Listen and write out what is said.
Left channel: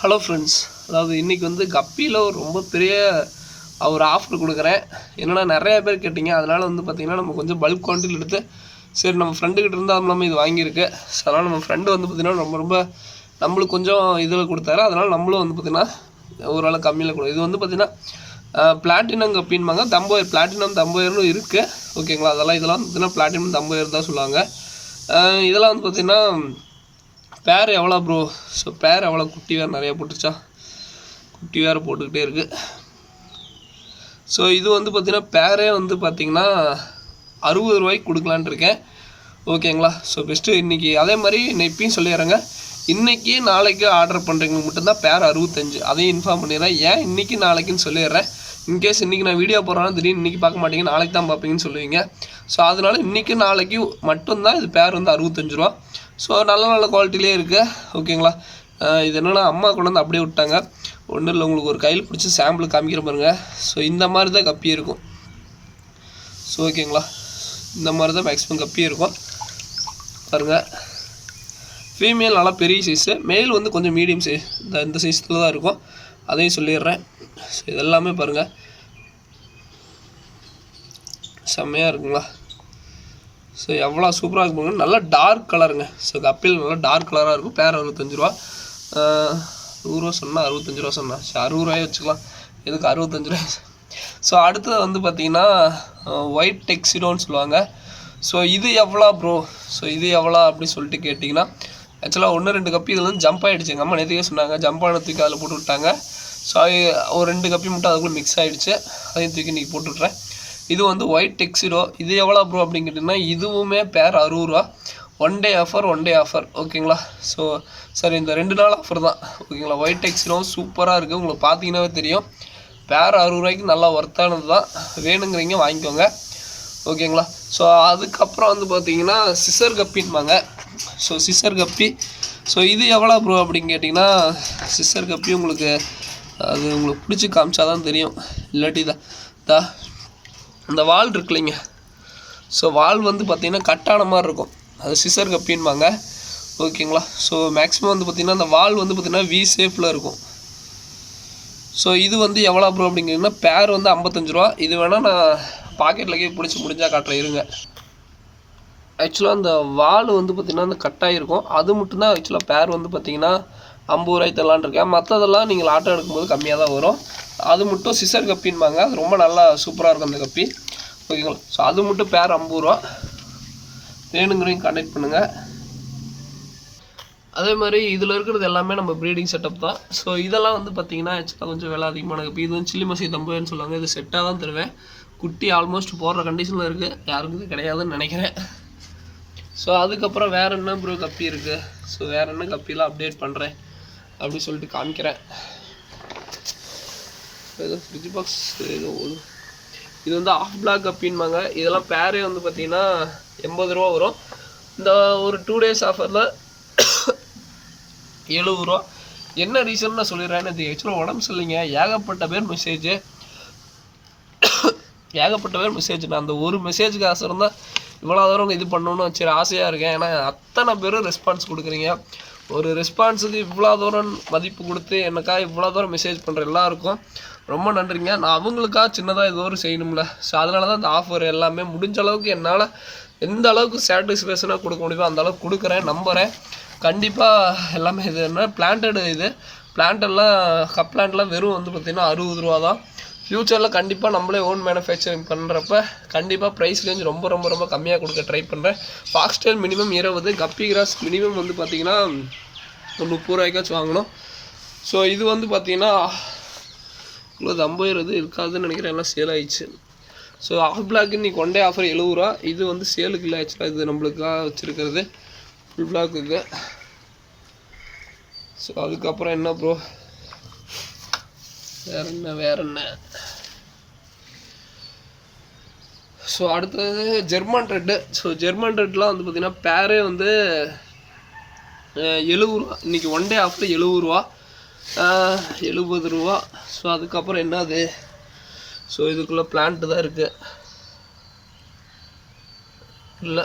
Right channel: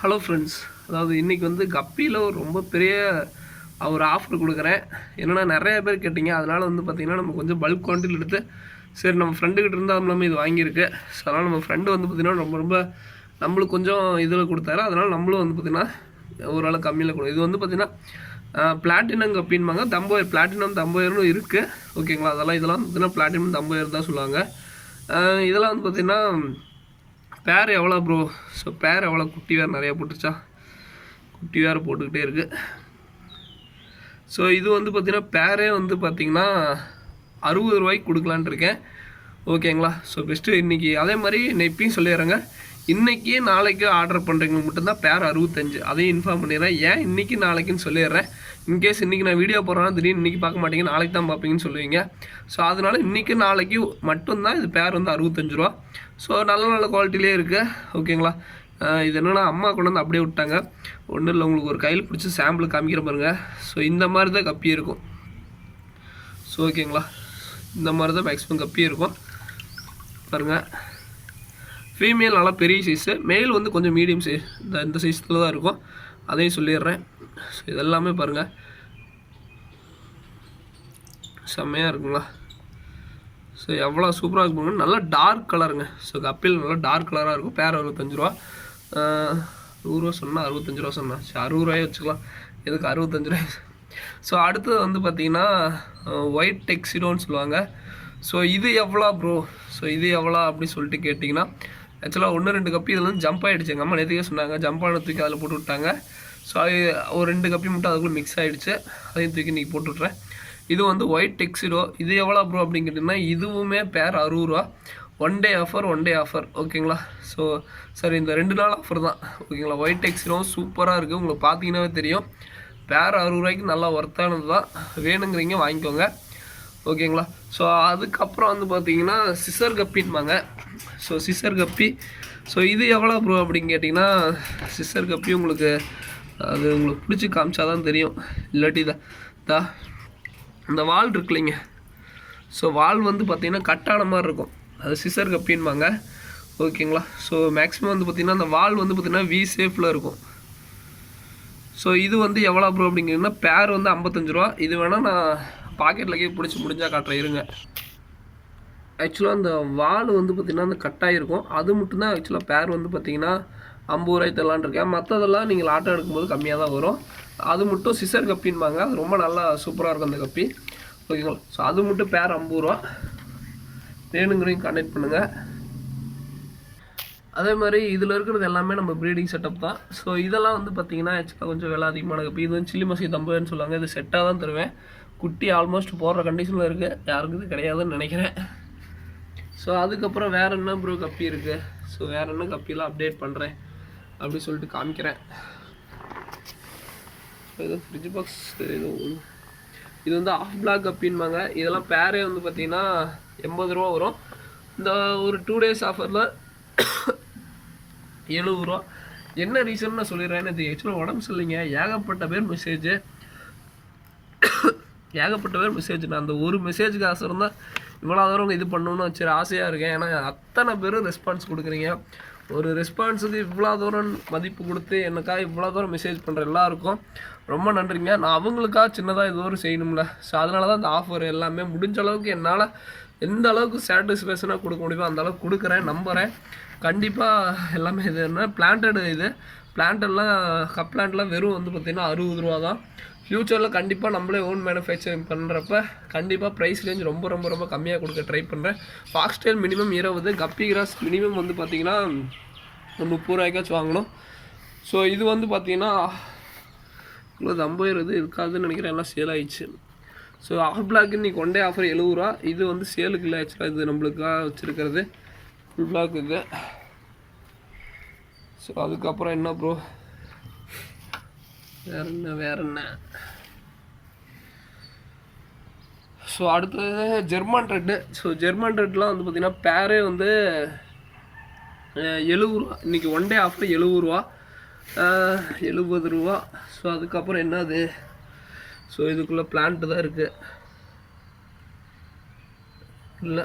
Hello friends, அதாவது இன்றைக்கி வந்து கப்பியில் ரொம்ப பெரிய ஒரு ஆஃபர் கொடுக்குறேன். என்னென்னா நிறையா பேர் கேட்டிங்க, அதனால் வந்து பார்த்திங்கன்னா நம்ம கொஞ்சம் பல்க் குவான்டிட்டியில் எடுத்து சரி நம்ம ஃப்ரெண்டுக்கிட்ட இருந்தால் நம்ம இது வாங்கியிருக்கு. ஸோ அதனால் நம்ம ஃப்ரெண்டு வந்து பார்த்திங்கன்னா ரொம்ப நம்மளுக்கு கொஞ்சம் இதில் கொடுத்தாரு. அதனால் நம்மளும் வந்து பார்த்திங்கன்னா ஓரளவு கம்மியில் கொடுக்கும். இது வந்து பார்த்திங்கன்னா பிளாட்டினம் கப்பின்பாங்க. தம்போயர் பிளாட்டினம் தம்போயர்னு இருக்குது. ஓகேங்களா, இதெல்லாம் பார்த்திங்கன்னா பிளாட்டினம் தம்போயர் தான் சொல்லுவாங்க. இதெல்லாம் வந்து பார்த்திங்கன்னா பேர் எவ்வளோ ப்ரோ? ஸோ பேர் எவ்வளோ? குட்டி வேறு நிறையா போட்டுருச்சா? குட்டி வேறு போட்டுக்கிட்டே இருக்குது. ஸோ இது வந்து பார்த்திங்கன்னா பேரே வந்து பார்த்திங்கன்னா 60 ரூபாய்க்கு கொடுக்கலான் இருக்கேன். ஓகேங்களா, ஸோ பெஸ்ட்டு இன்றைக்கி அதே மாதிரி நான் இப்பயும் சொல்லிடுறேங்க. இன்றைக்கி நாளைக்கு ஆர்டர் பண்ணுறவங்களுக்கு மட்டும்தான் பேர் 65. அதையும் இன்ஃபார்ம் பண்ணிடுறேன். ஏன் இன்றைக்கி நாளைக்குன்னு சொல்லிடுறேன். இன்கேஸ் இன்றைக்கி நான் வீடியோ போடுறேன்னா திடீர்னு இன்றைக்கி பார்க்க மாட்டீங்க, நாளைக்கு தான் பார்ப்பீங்கன்னு சொல்லுவீங்க. ஸோ அதனால் இன்றைக்கி நாளைக்கு மட்டும்தான் இது பேர் வந்து 65 ரூபா. ஸோ நல்ல குவாலிட்டிலே இருக்குது. ஓகேங்களா, இது என்னென்னா அம்மா கொண்டு வந்து அப்படியே விட்டாங்க. ஒன்றும் இல்லை, உங்களுக்கு ஒரு கையில் பிடிச்சி சாம்பிள் காமிக்கிற பாருங்க. ஸோ இந்த மாதிரி தான் கப்பி இருக்கும். ஸோ ஓகேங்களா, இந்த மாதிரி தான் மேக்ஸிமம் கப்பி இருக்கும் பாருங்கள். ஃபீமேல் நல்லா பெரிய சைஸு, மேல் வந்து கொஞ்சம் மீடியம் சைஸ், இந்த சைஸில் தான் இருக்கும். அதையும் சொல்லிடுறேன். ஸோ இதெல்லாமே பாருங்கள் செம்மையாக இருக்குங்களா. ஸோ எவ்வளோ சூப்பராக இருக்குங்க, நல்லா டார்க் கலருங்க. ஸோ கப்பில் நல்லா டார்க் கலராக இருக்கும். பேர் 65 ரூபா. 100 ரூபா சொன்னால் 65 ரூபா சொன்னேன். சரி 60 ரூபாயே வச்சுக்கலாம், எதுக்கு 65 ரூபாய். ஸோ அடுத்தது வந்து பார்த்திங்கன்னா ஒயிட் டெக்ஸிடோன்னு சொல்லுவாங்க. ஸோ இது எவ்வளோ ப்ரோ? ஸோ இது எவ்வளோ அப்படின்னு சொல்லிட்டு கேட்டிங்கன்னா, ஆக்சுவலாக 1-2 கப்பி இதில் வந்து ஜம்ப் ஆகிடுச்சு. எங்கள் அம்மா நேற்றுக்கே சொன்னாங்க, ஜம்ப் ஆன தூக்கி அதில் போட்டு விட்டாங்க. ஸோ ஒரு 2 கப்பி மட்டும் அதுக்குள்ளே மிக்ஸ் ஆகிடுச்சு. அதையும் தூக்கி இன்றைக்கி போட்டு விட்றேன். இது வந்து ஒயிட் டெக்ஸிடோ. இது எவ்வளோ ப்ரோ அப்படின்னு கேட்டிங்கன்னா, இதுவுமே பேர் 60 ரூபா. One day offer. ஓகேங்களா, ஸோ சரி இந்த 2 நாள் ஆஃபர் தான். ஓகேங்களா, ஒயிட் டெக்ஸிடோ சூப்பராக இருக்குது. உங்களுக்கு பார்த்தீங்கன்னாவே தெரியும். பேர் 60 ரூபாய்க்கு நல்லா ஒர்த்தானது தான். வேணுங்கிறீங்க வாங்கிக்கோங்க. ஓகேங்களா, ஸோ அதுக்கப்புறம் வந்து பார்த்தீங்கன்னா சிசர் கப்பின்பாங்க. ஸோ சிசர் கப்பி. ஸோ இது எவ்வளோ ப்ரோ அப்படின்னு கேட்டிங்கன்னா, சிசர் கப்பி உங்களுக்கு அது உங்களுக்கு பிடிச்சி காமிச்சா தான் தெரியும். இல்லாட்டி தான் அந்த வால் இருக்கு இல்லைங்க. ஸோ வால் வந்து பார்த்திங்கன்னா கட்டான மாதிரி இருக்கும், அது சிசர் கப்பின்பாங்க. ஓகேங்களா, ஸோ மேக்ஸிமம் வந்து பார்த்திங்கன்னா அந்த வால் வந்து பார்த்திங்கன்னா வி ஷேப்பில் இருக்கும். ஸோ இது வந்து எவ்வளோ ப்ரோ அப்படிங்கிறீங்கன்னா, பேர் வந்து 55 ரூபா. இது வேணால் நான் பாக்கெட்டில் கீழே பிடிச்சி முடிஞ்சால் காட்டுறேன் இருங்க. ஆக்சுவலாக அந்த வால் வந்து பார்த்திங்கன்னா அந்த கட்டாயிருக்கும், அது மட்டும்தான் ஆக்சுவலாக பேர் வந்து பார்த்திங்கன்னா 50 ரூபாய்க்கு தரலான் இருக்கேன். மற்றதெல்லாம் நீங்கள் ஆட்டோ எடுக்கும்போது கம்மியாக தான் வரும். அது மட்டும் சிசர் கப்பின்பாங்க. அது ரொம்ப நல்லா சூப்பராக இருக்கும் அந்த கப்பி. ஓகேங்களா, ஸோ அது மட்டும் பேர் 50 ரூபா. வேணுங்கிறவங்க கான்டாக்ட் பண்ணுங்கள். அதே மாதிரி இதில் இருக்கிறது எல்லாமே நம்ம ப்ரீடிங் செட்டப் தான். ஸோ இதெல்லாம் வந்து பார்த்திங்கன்னா ஆக்சுவலாக கொஞ்சம் விலை அதிகமான கப்பி. இது வந்து சில்லி மசி தம்புன்னு சொல்லுவாங்க. இது செட்டாக தான் தருவேன். குட்டி ஆல்மோஸ்ட் போடுற கண்டிஷனில் இருக்குது, யாருக்கும் இது கிடையாதுன்னு நினைக்கிறேன். ஸோ அதுக்கப்புறம் வேறு என்ன ப்ரோ கப்பி இருக்குது? ஸோ வேறு என்ன கப்பிலாம் அப்டேட் பண்ணுறேன் அப்படி சொல்லிட்டு காமிக்கிறேன். ஏதோ ஃப்ரிட்ஜ் பாக்ஸ் ஏதோ இது வந்து ஆஃப் பிளாக் கப்பின்பாங்க. இதெல்லாம் பேரே வந்து பார்த்திங்கன்னா 80 ரூபா வரும். இந்த ஒரு 2 டேஸ் ஆஃபரில் 70 ரூபா. என்ன ரீசன் நான் சொல்லிடுறேன். இது ஆக்சுவலாக உடம்பு சரியில்லைங்க. ஏகப்பட்ட பேர் மெசேஜ். நான் அந்த ஒரு மெசேஜுக்கு ஆசை இருந்தால் இவ்வளோ தூரம் இது பண்ணணும்னு சரி ஆசையாக இருக்கேன். ஏன்னா அத்தனை பேரும் ரெஸ்பான்ஸ் கொடுக்குறீங்க. ஒரு ரெஸ்பான்ஸுக்கு இவ்வளோ தூரம் மதிப்பு கொடுத்து எனக்காக இவ்வளோ தூரம் மெசேஜ் பண்ணுற எல்லாருக்கும் ரொம்ப நன்றிங்க. நான் அவங்களுக்காக சின்னதாக இது ஒரு செய்யணும்ல. ஸோ அதனால தான் இந்த ஆஃபர் எல்லாமே முடிஞ்ச அளவுக்கு என்னால் எந்த அளவுக்கு சாட்டிஸ்ஃபேக்ஷனாக கொடுக்க முடியுமோ அந்த அளவுக்கு கொடுக்குறேன், நம்புகிறேன். கண்டிப்பாக எல்லாமே இது என்ன பிளான்டட், இது பிளான்டெல்லாம் கப் பிளான்ட்லாம் வெறும் வந்து பார்த்திங்கன்னா 60 ரூபா தான். ஃப்யூச்சரில் கண்டிப்பாக நம்மளே ஓன் மேனுஃபேக்சரிங் பண்ணுறப்ப கண்டிப்பாக ப்ரைஸ் ரேஞ்ச் ரொம்ப கம்மியாக கொடுக்க ட்ரை பண்ணுறேன். ஃபாக்ஸ்டைல் மினிமம் 20, கப்பி கிராஸ் மினிமம் வந்து பார்த்திங்கன்னா 30 ரூபாய்க்காச்சும் வாங்கணும். ஸோ இது வந்து பார்த்திங்கன்னா இவ்வளோ 50 இருக்காதுன்னு நினைக்கிறேன், எல்லாம் சேல் ஆயிடுச்சு. ஸோ ஆஃப் பிளாக் இன்றைக்கி ஒன் டே ஆஃபர் 70 ரூபா. இது வந்து சேலுக்கு இல்லை, ஆக்சுவலாக இது நம்மளுக்காக வச்சுருக்கிறது ஃபுல் பிளாக் இது. ஸோ அதுக்கப்புறம் என்ன ப்ரோ வேற என்ன? ஸோ அடுத்தது ஜெர்மன் ரெட்டு. ஸோ ஜெர்மன் ரெட்லாம் வந்து பார்த்திங்கன்னா பேரே வந்து 70 ரூபா. இன்றைக்கி ஒன் டே ஆஃபர் 70 ரூபா, 70 ரூபா. ஸோ அதுக்கப்புறம் என்னது? ஸோ இதுக்குள்ளே பிளான்ட்டு தான் இருக்குது இல்லை